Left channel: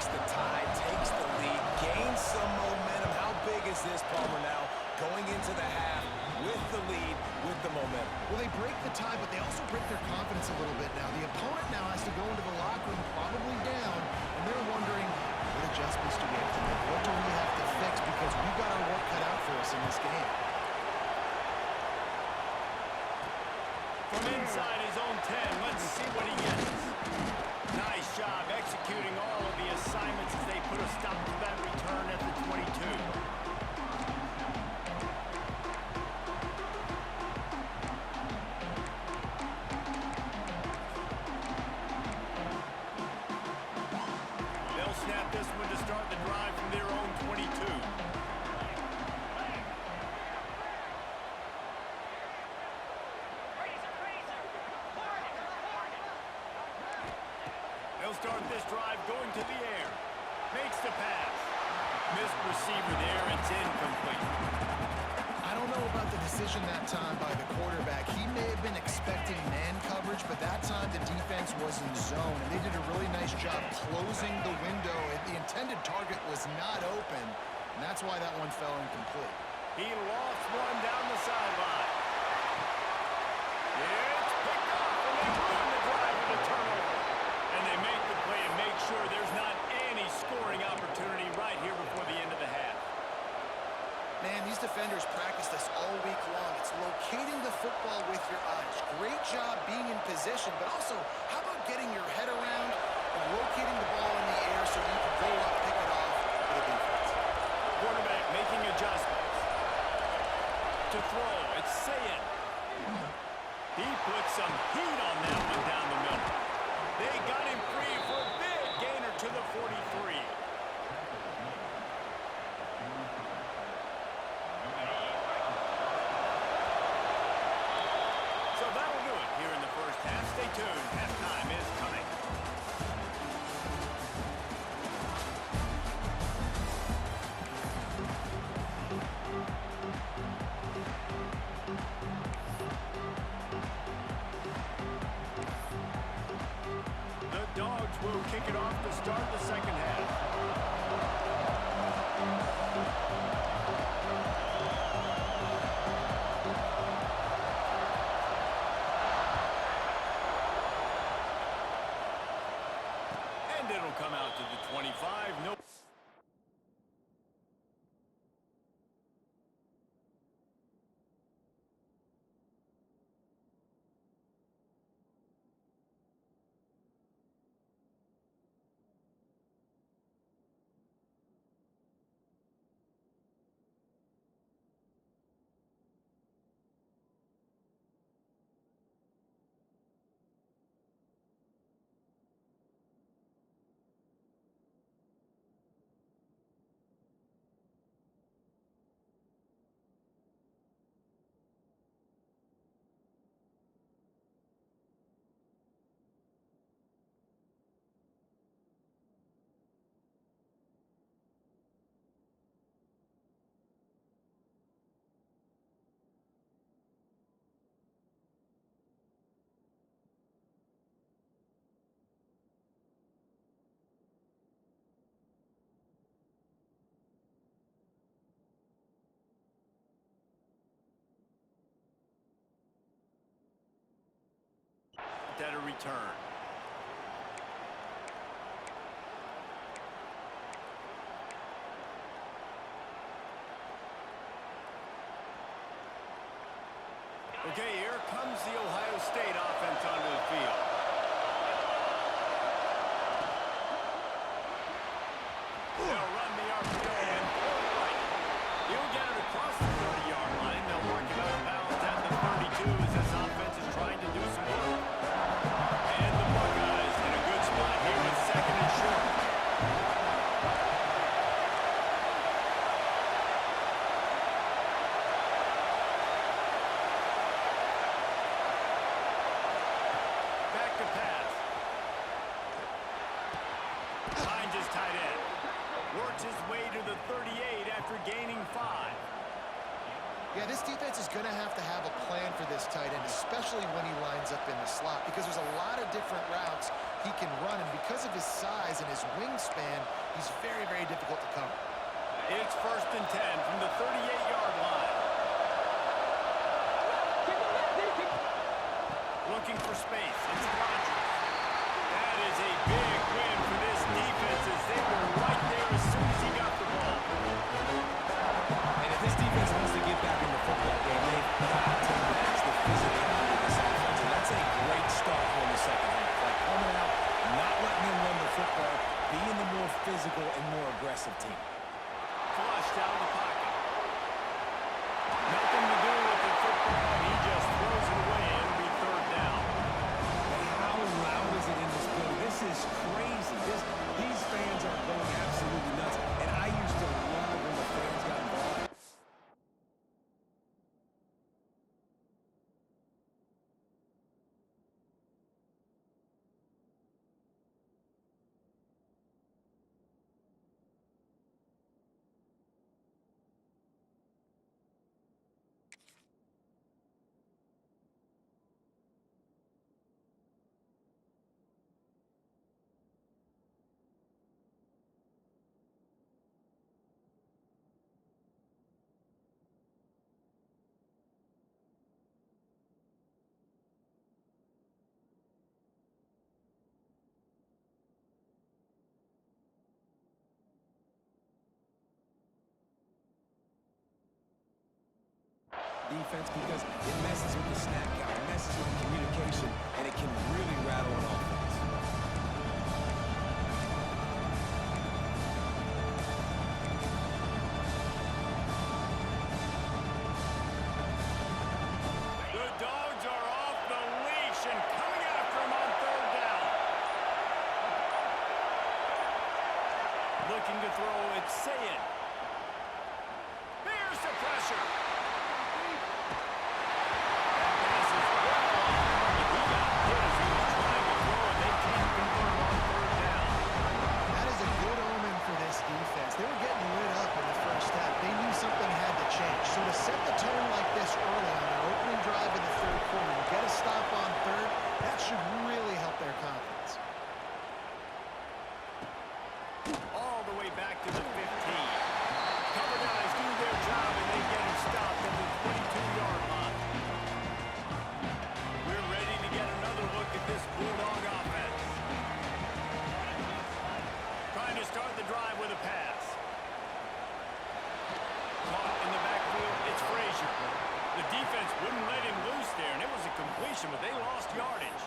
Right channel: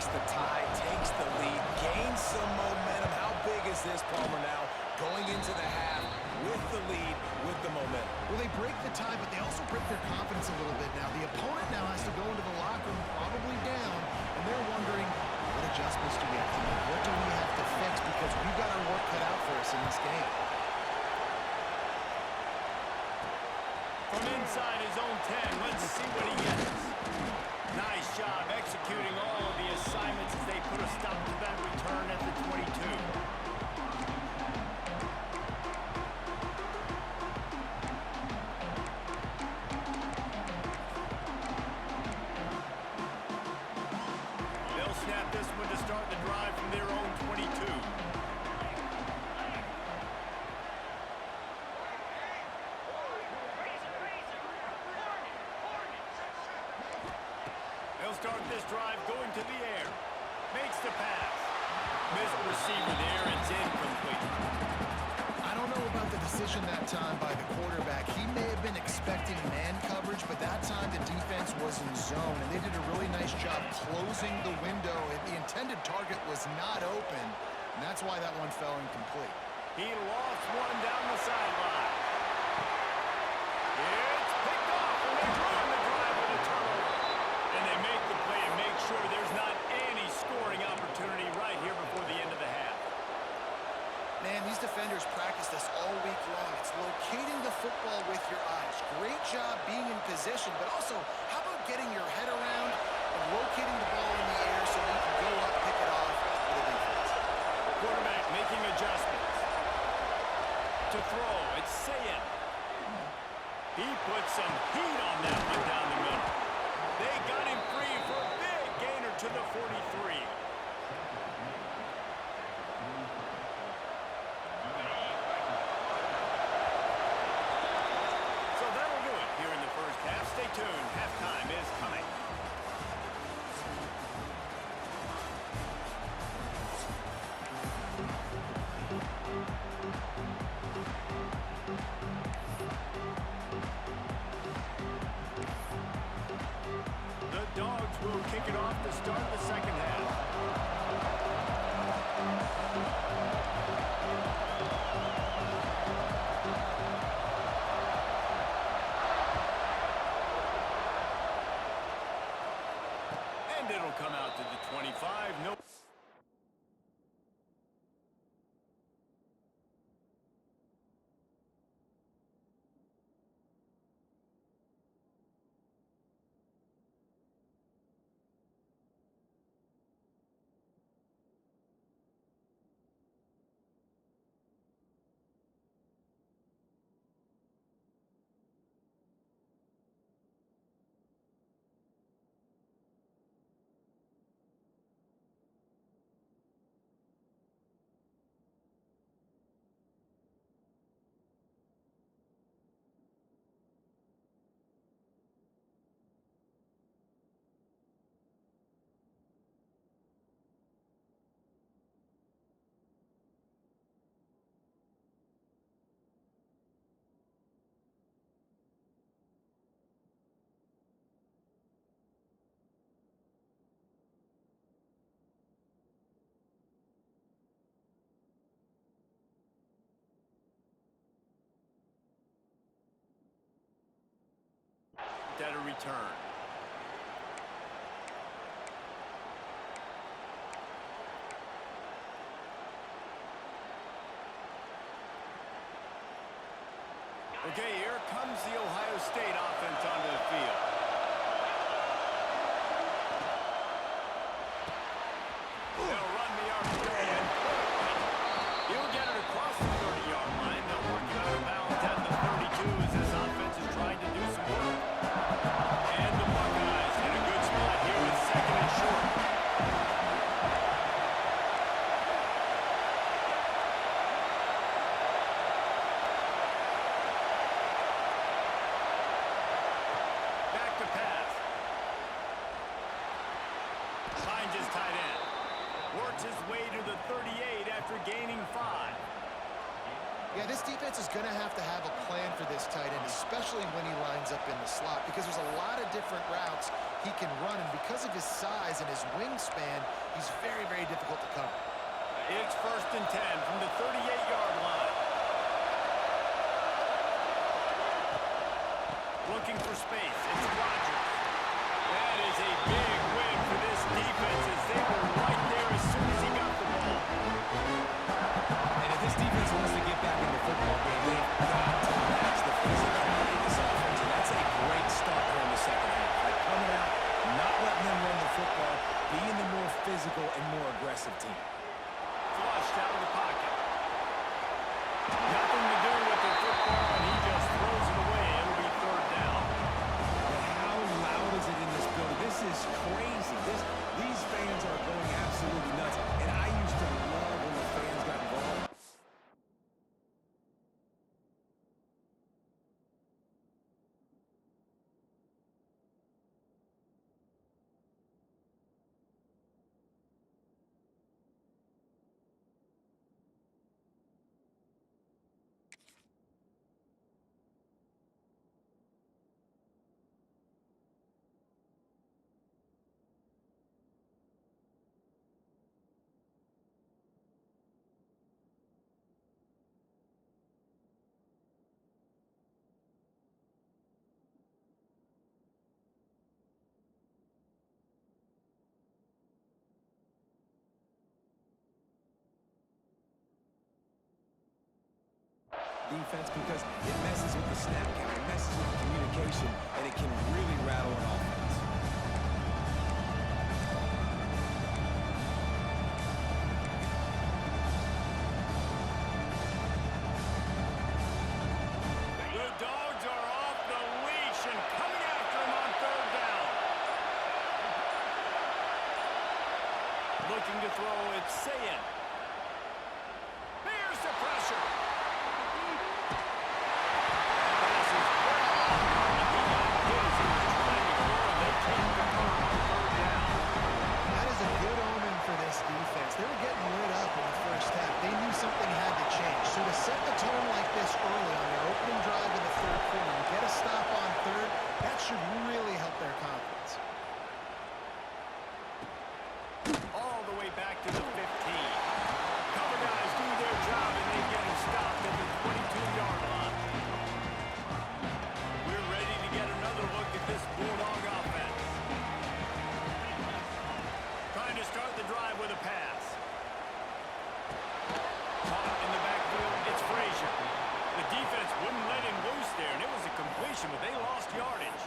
breaks the tie, takes the lead, gains some momentum. How big is this, Palmer, now going into the half with the lead, with the momentum? Well, they break the tie, but they also break their confidence a little bit now. The opponent now has to go into the locker room probably down, and they're wondering, what adjustments do we have to make? What do we have to fix? Because we've got our work cut out for us in this game. From inside his own 10, let's see what he gets. Nice job executing all of the assignments as they put a stop to that return at the 22. They'll snap this one to start the drive from their own 22. They'll start this drive going to the air. Makes the pass. Missed receiver there, it's incomplete. I don't know about the decision that time by the quarterback. He may have been expecting man coverage, but that time the defense was in zone, and they did a really nice job closing the window. The intended target was not open, and that's why that one fell incomplete. He lost one down the sideline. It's picked off, and they ruin the drive with a turnover. And they make the play and make sure there's not any scoring opportunity right here before the end of the half. Man, these defenders practice this all week long. It's locating the football with your eyes. Great job being in position, but also, how about getting your head around and locating the ball in the air so you can go up, pick it off for the defense. Quarterback making adjustments. To throw, it's Sayin. He put some heat on that one down the middle. They got him free for a big gainer to the 43. So that'll do it here in the first half. Stay tuned. Halftime is coming. The Dogs will kick it off to start the second half. And it'll come out to the 25. No. At a return. Okay, here comes the Ohio State offense onto the field. They'll run the RPO and throw it right. He'll get it across the 30-yard line. They'll mark him out of bounds at the 32 as this offense is trying to do some work. And the Buckeyes in a good spot here with second and short. Back to pass. Finds his tight end. Works his way to the 38 after gaining 5. Yeah, this defense is going to have a plan for this tight end, especially when he lines up in the slot, because there's a lot of different routes he can run, and because of his size and his wingspan, he's very, very difficult to cover. It's 1st and 10 from the 38-yard line. Looking for space. It's Rodgers. That is a big win for this defense as they were right there as soon as he got the ball. And if this defense wants to get back in the football game, they've got to match the physicality of this offense. And that's a great start here in the second half. Like coming out, not letting them run the football, being the more physical and more aggressive team. Flushed out of the pocket. Nothing to do with the football, and he just throws it away. It'll be 3rd down. But how loud is it in this building? This is crazy. These fans are going absolutely nuts. And I used to love when the fans got involved. Defense because it messes with the snap count, it messes with the communication, and it can really rattle an offense. The Dogs are off the leash and coming after him on 3rd down. Looking to throw, it's Sayin. Here's the pressure. Defense. They were getting lit up in the first half. They knew something had to change. So to set the tone like this early on their opening drive in the 3rd quarter and get a stop on 3rd, that should really help their confidence. All the way back to the 15. Cover guys do their job and they get him stopped at the 22-yard line. We're ready to get another look at this Bulldog offense. Trying to start the drive with a pass. Caught in the backfield, it's Frazier. The defense wouldn't let him loose there, and it was a completion, but they lost yardage.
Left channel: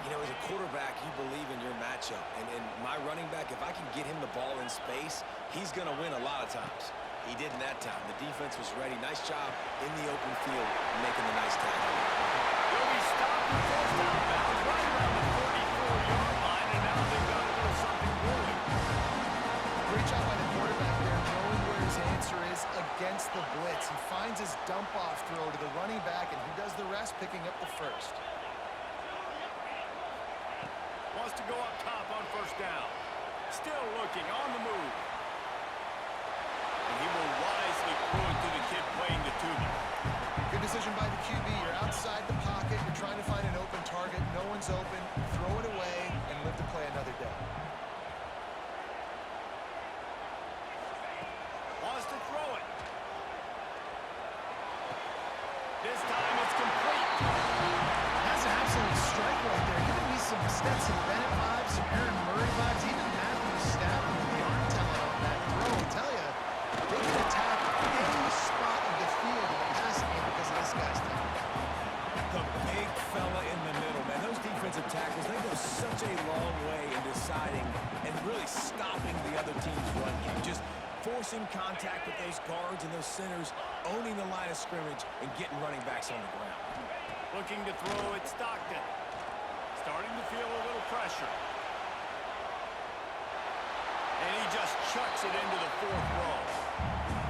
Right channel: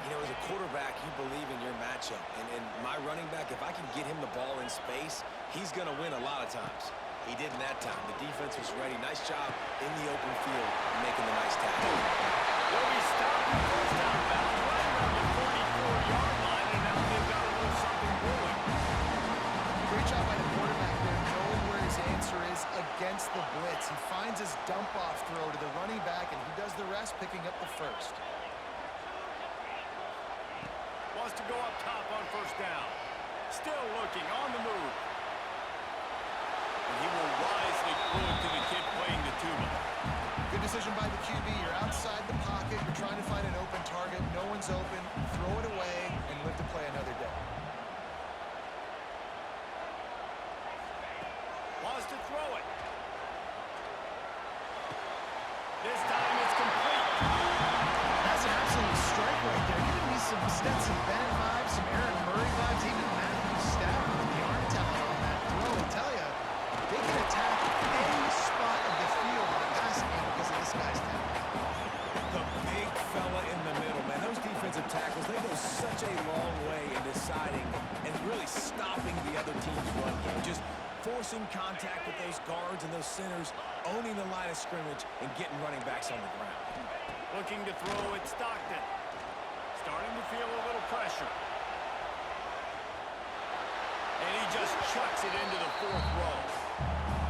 You know, as a quarterback, you believe in your matchup. And my running back, if I can get him the ball in space, he's going to win a lot of times. He did in that time. The defense was ready. Nice job in the open field making the nice tackle. They'll be stopped and forced out of bounds right around the 34-yard line, and now they've got a little something brewing. Great job by the quarterback there, knowing where his answer is against the blitz. He finds his dump-off throw to the running back, and he does the rest, picking up the first. Wants to go up top on 1st down. Still looking, on the move. And he will wisely throw it to the kid playing the tuba. Good decision by the QB. You're outside the pocket. You're trying to find an open target. No one's open. Throw it away and live to play another day. Wants to throw it. This time it's complete. That's an absolute strike right there. Giving me some Stetson Bennett vibes, some Aaron Murray vibes, even Matthew Stafford with the arm talent on that throw. I'll tell you, they can attack any spot of the field in the passing game because of this guy's talent. The big fella in the middle, man. Those defensive tackles, they go such a long way in deciding and really stopping the other team's run game. Just forcing contact with those guards and those centers, owning the line of scrimmage, and getting running backs on the ground. Looking to throw at Stockton. Starting to feel a little pressure. And he just chucks it into the 4th row.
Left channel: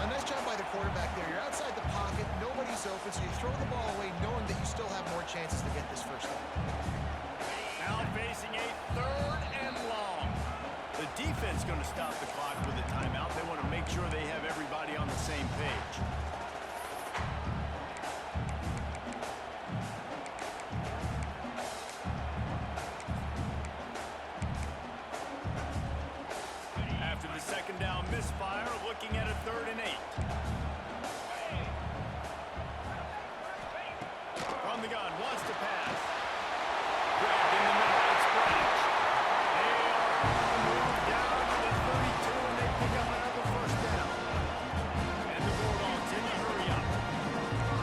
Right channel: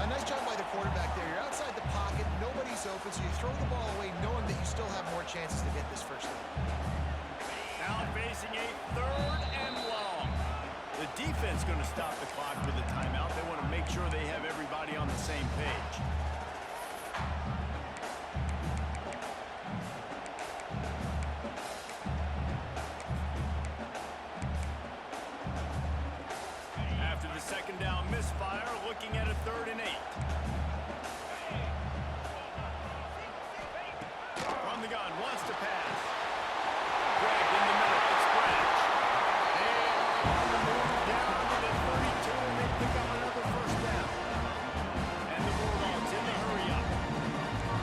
A nice job by the quarterback there. You're outside the pocket, nobody's open, so you throw the ball away knowing that you still have more chances to get this first down. Now facing a 3rd and long. The defense going to stop the clock with a timeout. They want to make sure they have everybody on the same page. second down misfire, looking at a 3rd and 8. From the gun, wants to pass. Grabbed in the middle, it's Branch. They are on the move down to the 32, and they pick up another 1st down. And the Bulldogs in the hurry up.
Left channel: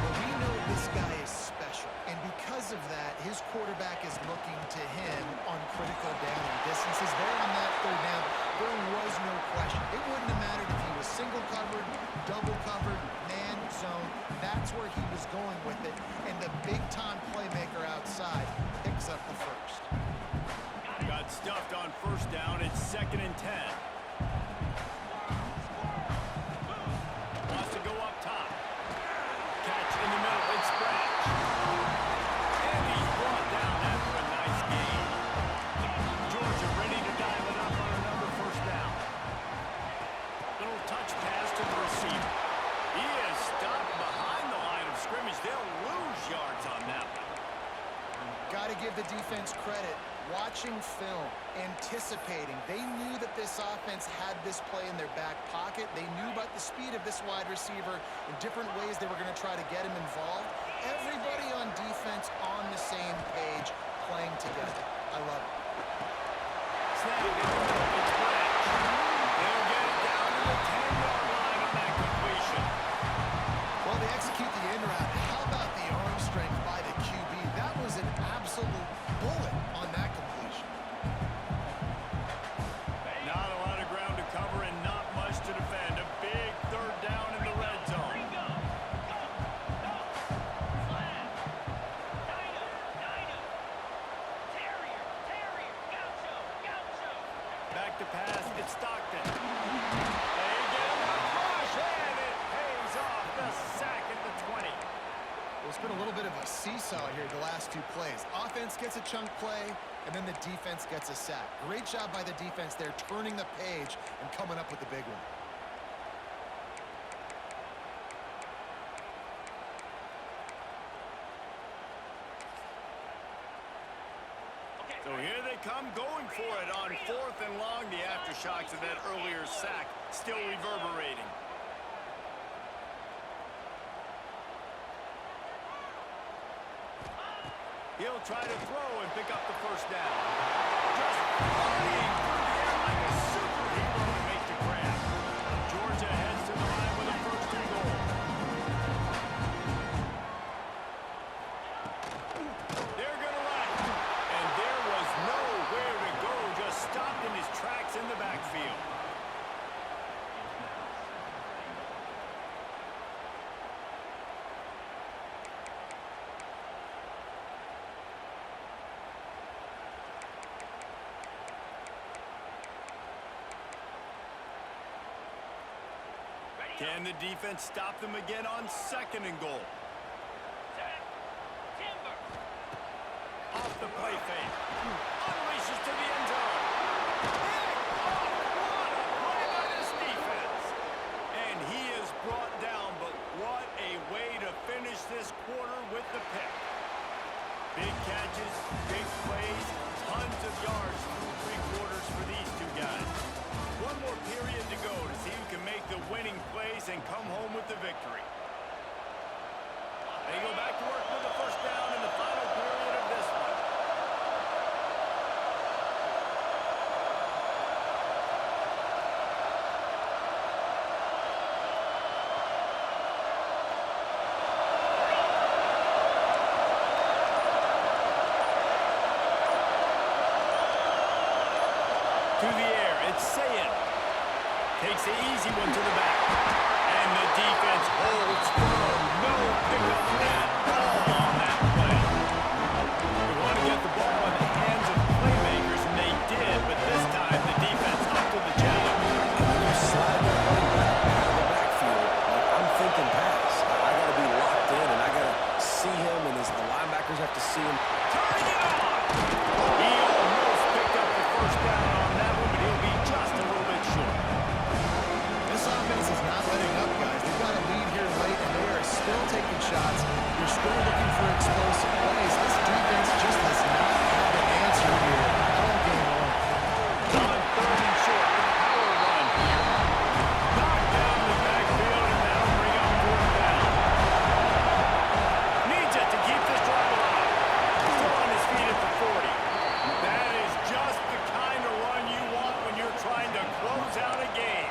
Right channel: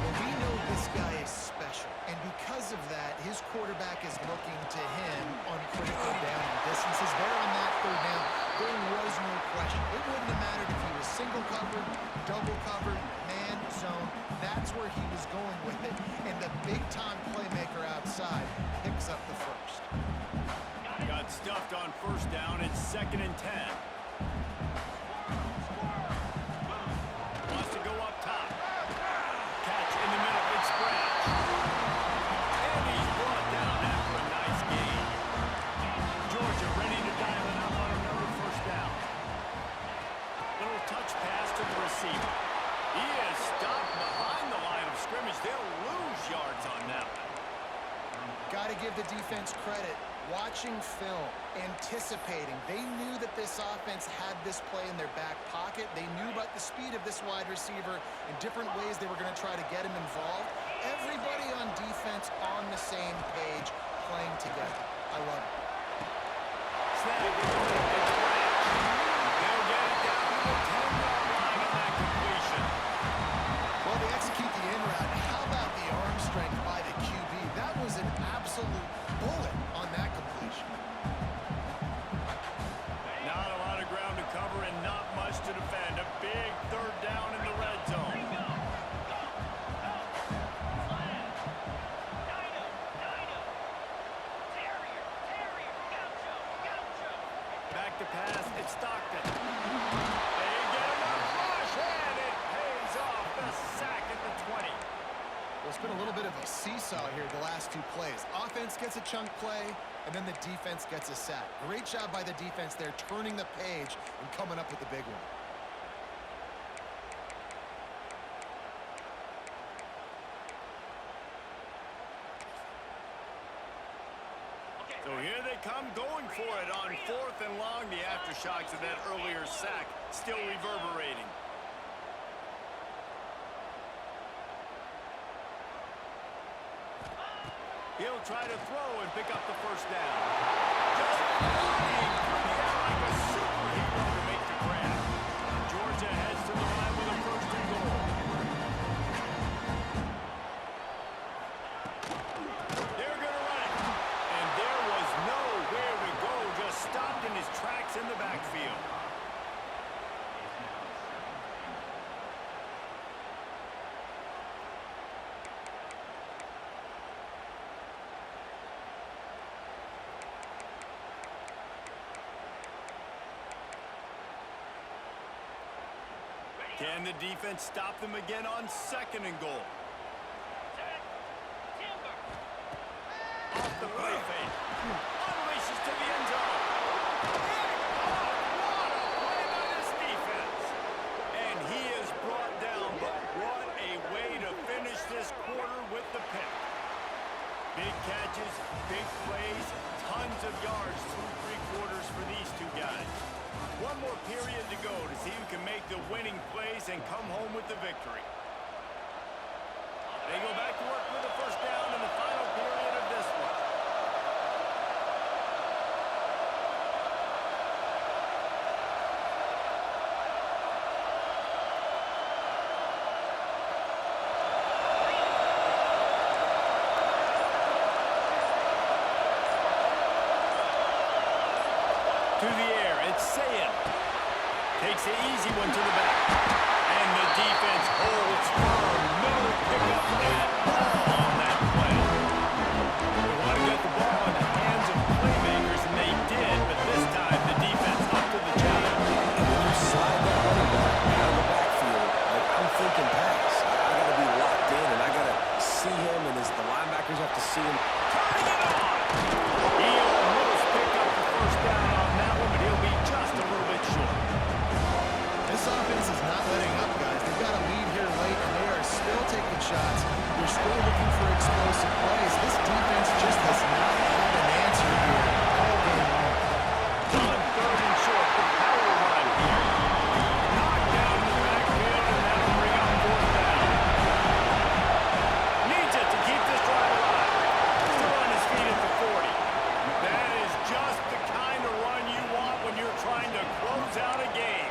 Well, we know this guy is special, and because of that, his quarterback is looking to him on critical down and distances. There on that 3rd down, there was no question. It wouldn't have mattered if he was single covered, double covered, man, zone. That's where he was going with it, and the big-time playmaker outside picks up the 1st. Got stuffed on 1st down. It's 2nd and 10. Wants to go up top. Catch in the middle. It's Branch. And he's brought down after a nice gain. Georgia ready to dial it up on another 1st down. Little touch pass to the receiver. He is stopped behind the line of scrimmage. They'll lose yards on that one. Got to give the defense credit. Watching film, anticipating. They knew that this offense had this play in their back pocket. They knew about the speed of this wide receiver in different ways they were going to try to get him involved. Everybody on defense on the same page, playing together. I love it. Snag in the middle. It's Branch. They'll get it down to the 10-yard line on that completion. Well, they execute the in route. How about the arm strength by the QB? That was an absolute bullet on that completion. Not a lot of ground to cover and not much to defend. A big 3rd down in the red zone. Back to pass. It's Stockton. They get enough rush, and it pays off. The sack at the 20. Well, it's been a little bit of a seesaw here the last 2 plays. Offense gets a chunk play, and then the defense gets a sack. Great job by the defense there, turning the page and coming up with the big one. So here they come going for it on 4th and long. The aftershocks of that earlier sack still reverberating. He'll try to throw and pick up the 1st down. Just flying through the air like a superhero to make the grab. Georgia heads to the line with a 1st and goal. They're going to run it. And there was nowhere to go. Just stopped in his tracks in the backfield. Can the defense stop them again on 2nd and goal? Off the play fake. Unleashes to the end zone. Pick off. What a play by this defense. And he is brought down, but what a way to finish this quarter with the pick. Big catches, big plays, tons of yards through 3 quarters for these 2 guys. One more period to go to see who can make the winning plays and come home with the victory. They go back to work with the 1st down in the final period of this one. To the air, it's Sayin. Takes the easy one to the back. And the defense holds firm. No pickup at all on that play. They want to get the ball in the hands of playmakers, and they did, but this time the defense up to the challenge. And when you slide that running back out of the backfield, like I'm thinking pass. I got to be locked in, and I got to see him, and the linebackers have to see him. Turning it on! He almost picked up the 1st down on that one, but he'll be just a little bit short. This offense is not letting up, guys. They've got a lead here late, and they are still taking shots. They're still looking for explosive plays. This defense just has not had an answer here all game long. On 3rd and short, the power run here. feet at the 40. That is just the kind of run you want when you're trying to close out a game.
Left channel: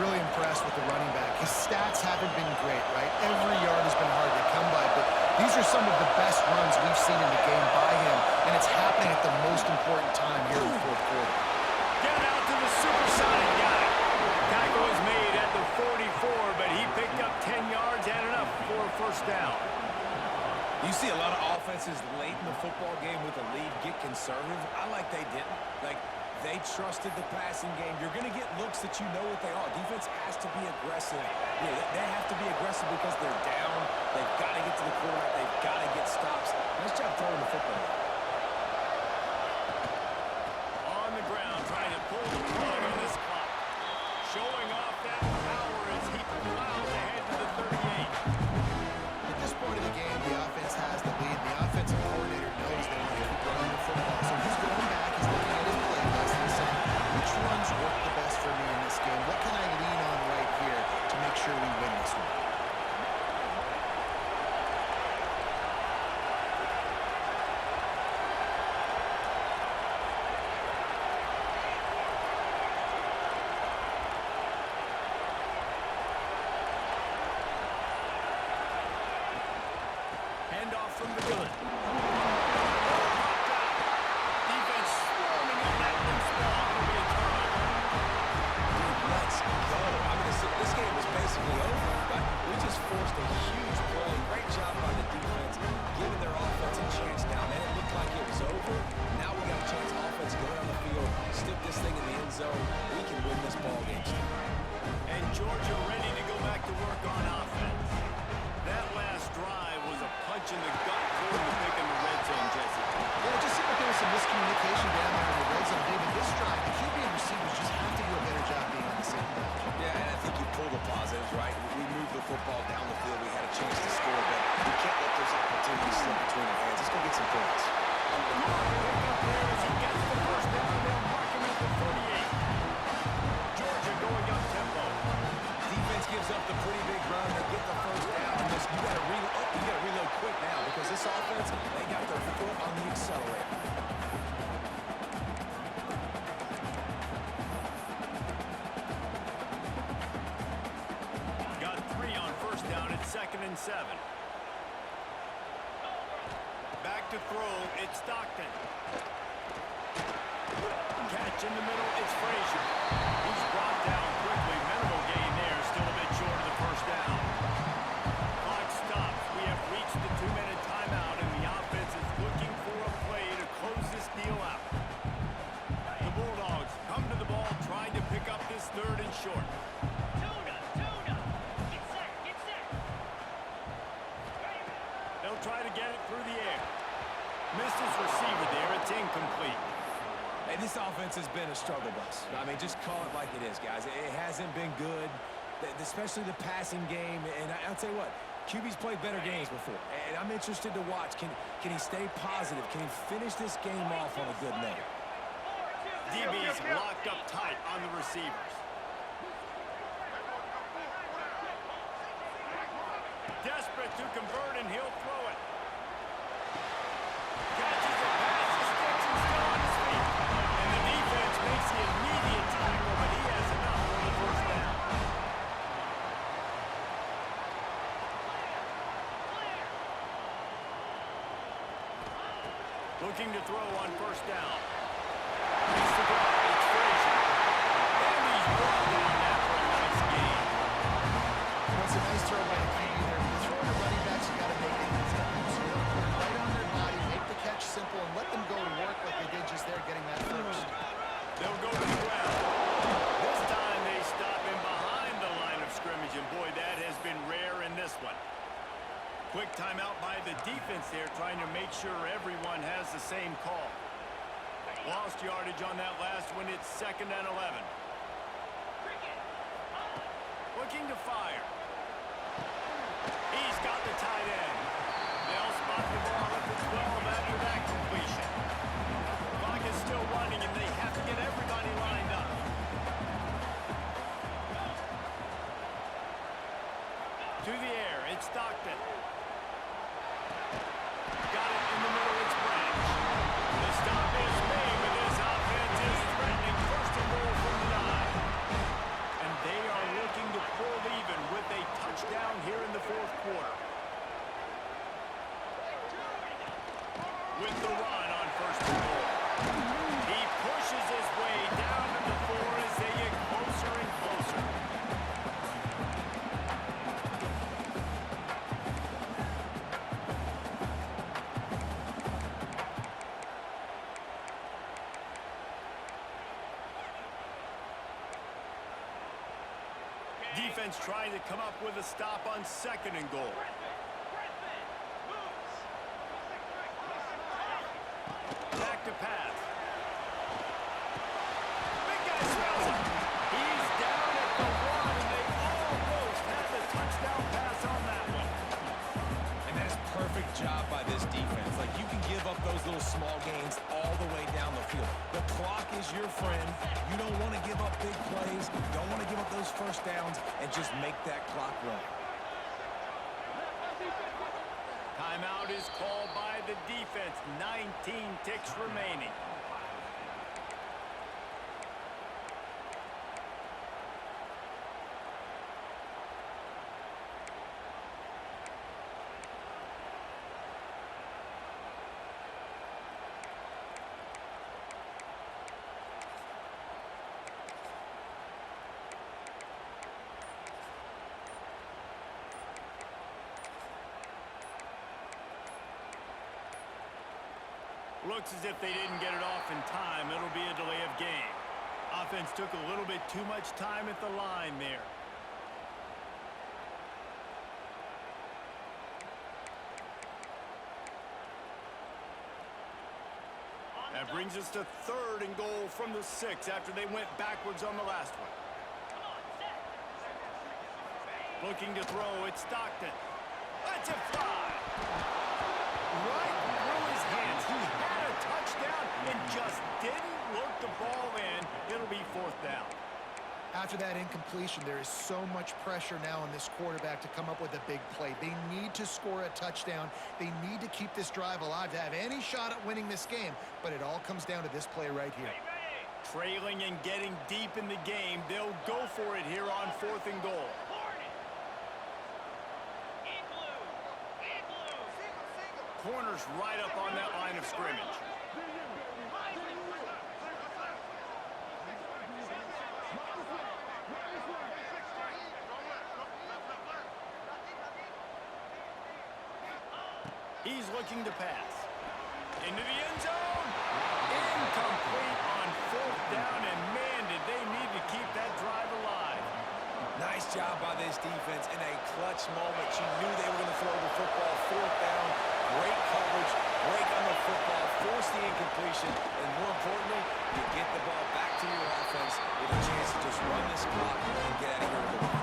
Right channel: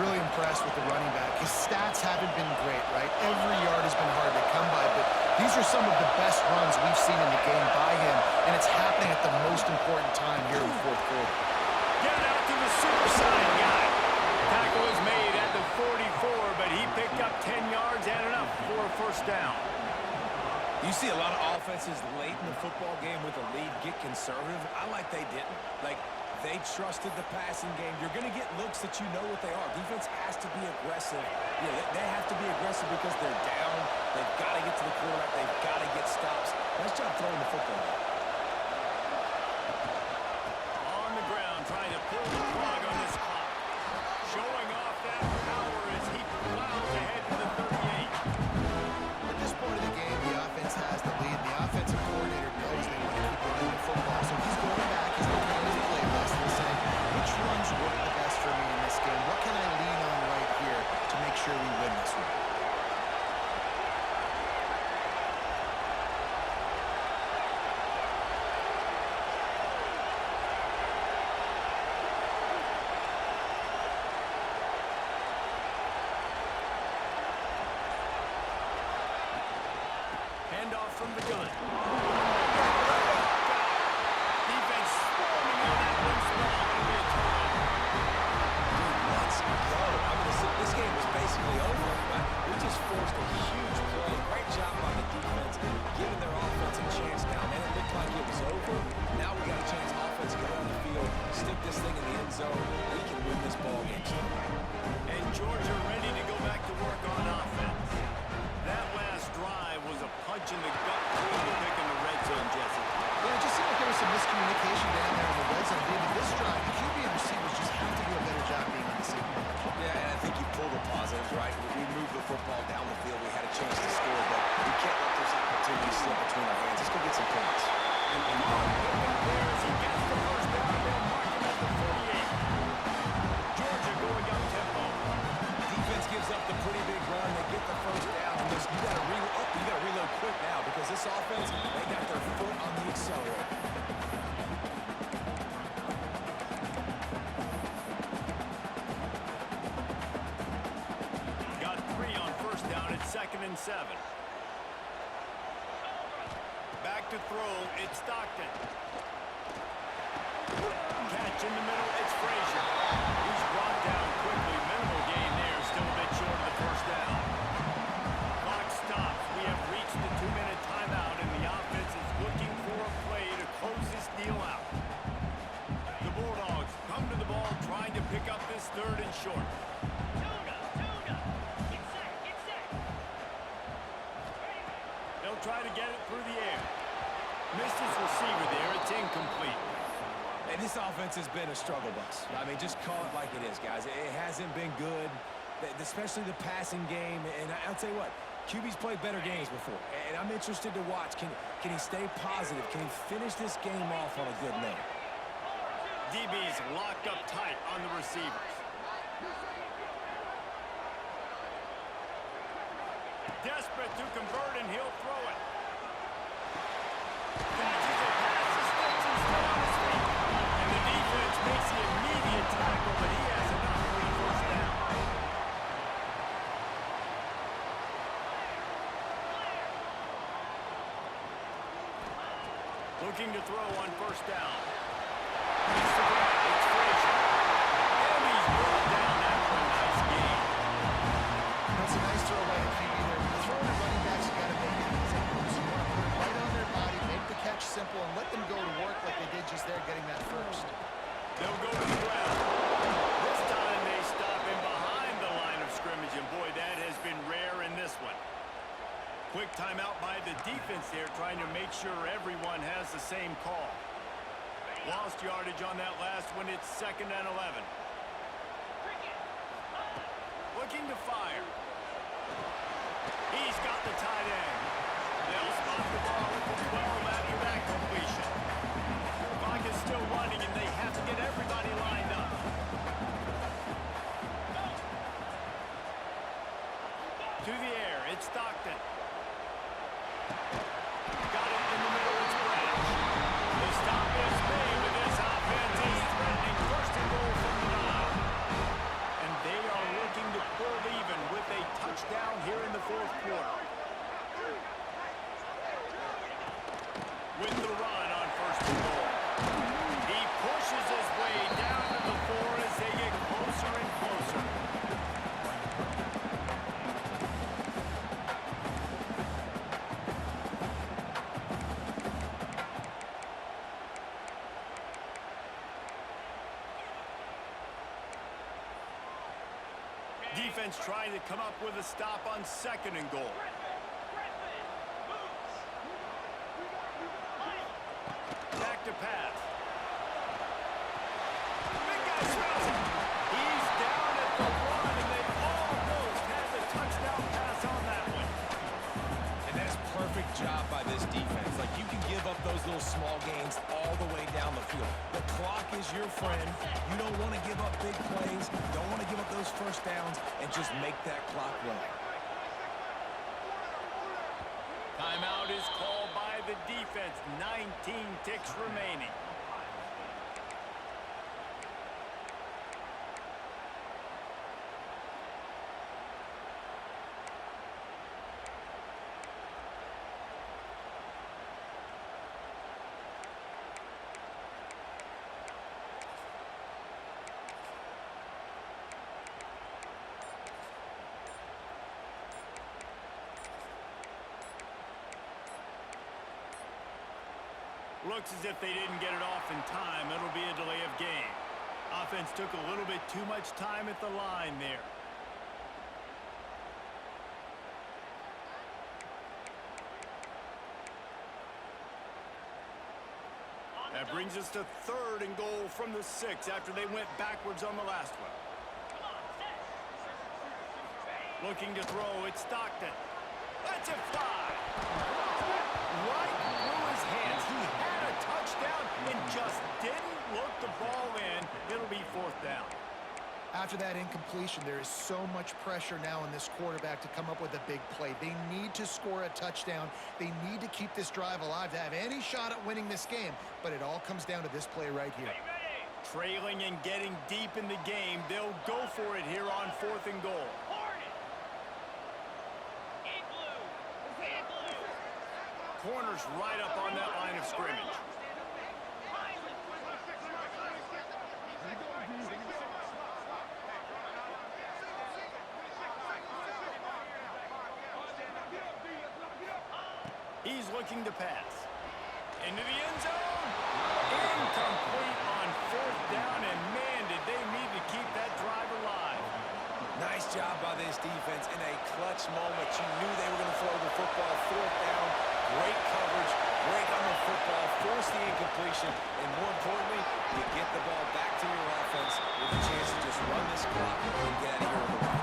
Really impressed with the running back. His stats haven't been great, right? Every yard has been hard to come by, but these are some of the best runs we've seen in the game by him, and it's happening at the most important time here in the fourth quarter. Get it out to the supersonic guy. Tackle is made at the 44, but he picked up 10 yards and enough for a first down. You see a lot of offenses late in the football game with a lead get conservative. I like they didn't. Like, they trusted the passing game. You're going to get looks that you know what they are. Defense has to be aggressive. You know, they have to be aggressive because they're down. They've got to get to the quarterback. They've got to get stops. Nice job throwing the football. On the ground, trying to pull the plug on this clock. Showing off that power as he plows ahead to the 38. At this point of the game, the offense has the lead. The offensive coordinator knows they want to keep running the football. So he's going back. He's looking at his play list and saying, which runs work the best for me in this game? What can I lean on right here to make sure we win this one? Handoff from the gun. Defense swarming on that loose ball. It'll be a turnover. Dude, let's go. I mean, this game was basically over, right? We just forced a huge play. Great job by the defense, giving their offense a chance now. Man, it looked like it was over. Now we got a chance offense to go down the field, stick this thing in the end zone. We can win this ball game still. And Georgia ready to go back to work on offense. That last drive was a punch in the gut toward the pick in the red zone, Jesse. Yeah, it just seemed like there was some miscommunication down there in the red zone. David, this drive, the QB and receivers just have to do a better job being on the same page. Yeah, and I think you pull the positives, right? We moved the football down the field. We had a chance to score, but we can't let those opportunities slip between our hands. Let's go get some points. Pick up there as he gets the first down. They'll mark him at the 38. Georgia going up tempo. Defense gives up the pretty big run. They get the first down. And you got to reload quick now because this offense, they got their foot on the accelerator. Got 3 on first down at 2nd and 7. Back to throw. It's Stockton. Catch in the middle. It's Frazier. He's brought down quickly. Minimal gain there. Still a bit short of the first down. Clock stops. We have reached the 2-minute timeout, and the offense is looking for a play to close this deal out. The Bulldogs come to the ball, trying to pick up this 3rd and short. Tuna. Get set. They'll try to get it through the air. Missed his receiver there. It's incomplete. Hey, this offense has been a struggle bus. I mean, just call it like it is, guys. It hasn't been good, especially the passing game. And I'll tell you what, QB's played better games before. And I'm interested to watch. Can he stay positive? Can he finish this game off on a good note? DB's locked up tight on the receivers. Desperate to convert, and he'll throw it. Catches it past the sticks and still on his feet. And the defense makes the immediate tackle, but he has enough for the first down. Looking to throw on first down. It's the grab. It's Frazier. And he's brought down after a nice gain. It's a nice throw by the QB there. When you're throwing to running backs, you got to make it easy. So you want to put it right on their body, make the catch simple, and let them go to work like they did just there, getting that first. They'll go to the ground. This time they stop him behind the line of scrimmage, and boy, that has been rare in this one. Quick timeout by the defense there, trying to make sure everyone has the same call. Lost yardage on that last one. It's 2nd and 11. Looking to fire. He's got the tight end. They'll spot the ball at the 12 after that completion. Clock is still running, and they have to get everybody lined up. To the air, it's Stockton. Got it in the middle, it's Branch. defense trying to come up with a stop on 2nd and goal. Griffin moves. Back to pass. Big guy smells it. He's down at the 1, and they almost had the touchdown pass on that one. And that is perfect job by this defense. Like, you can give up those little small gains all the way down the field. The clock is your friend. You don't want to give up big plays. Don't want to give up those first downs and just make that clock run. Timeout is called by the defense. 19 ticks remaining. Looks as if they didn't get it off in time. It'll be a delay of game. Offense took a little bit too much time at the line there. That brings us to 3rd and goal from the 6 after they went backwards on the last one. Come on, set. Looking to throw, it's Stockton. Lets it fly. Right through his hands. He had a touchdown and just didn't look the ball in. It'll be 4th down. After that incompletion, there is so much pressure now on this quarterback to come up with a big play. They need to score a touchdown. They need to keep this drive alive to have any shot at winning this game. But it all comes down to this play right here. Ready? Trailing and getting deep in the game, they'll go for it here on 4th and goal. Hornet. Igloo. Igloo. Corners right up on that line of scrimmage. He's looking to pass. Into the end zone. Incomplete on 4th down, and man, did they need to keep that drive alive. Nice job by this defense in a clutch moment. You knew they were going to throw the football. 4th down, great coverage, break on the football, force the incompletion, and more importantly, you get the ball back to your offense with a chance to just run this clock and get out of here with a win.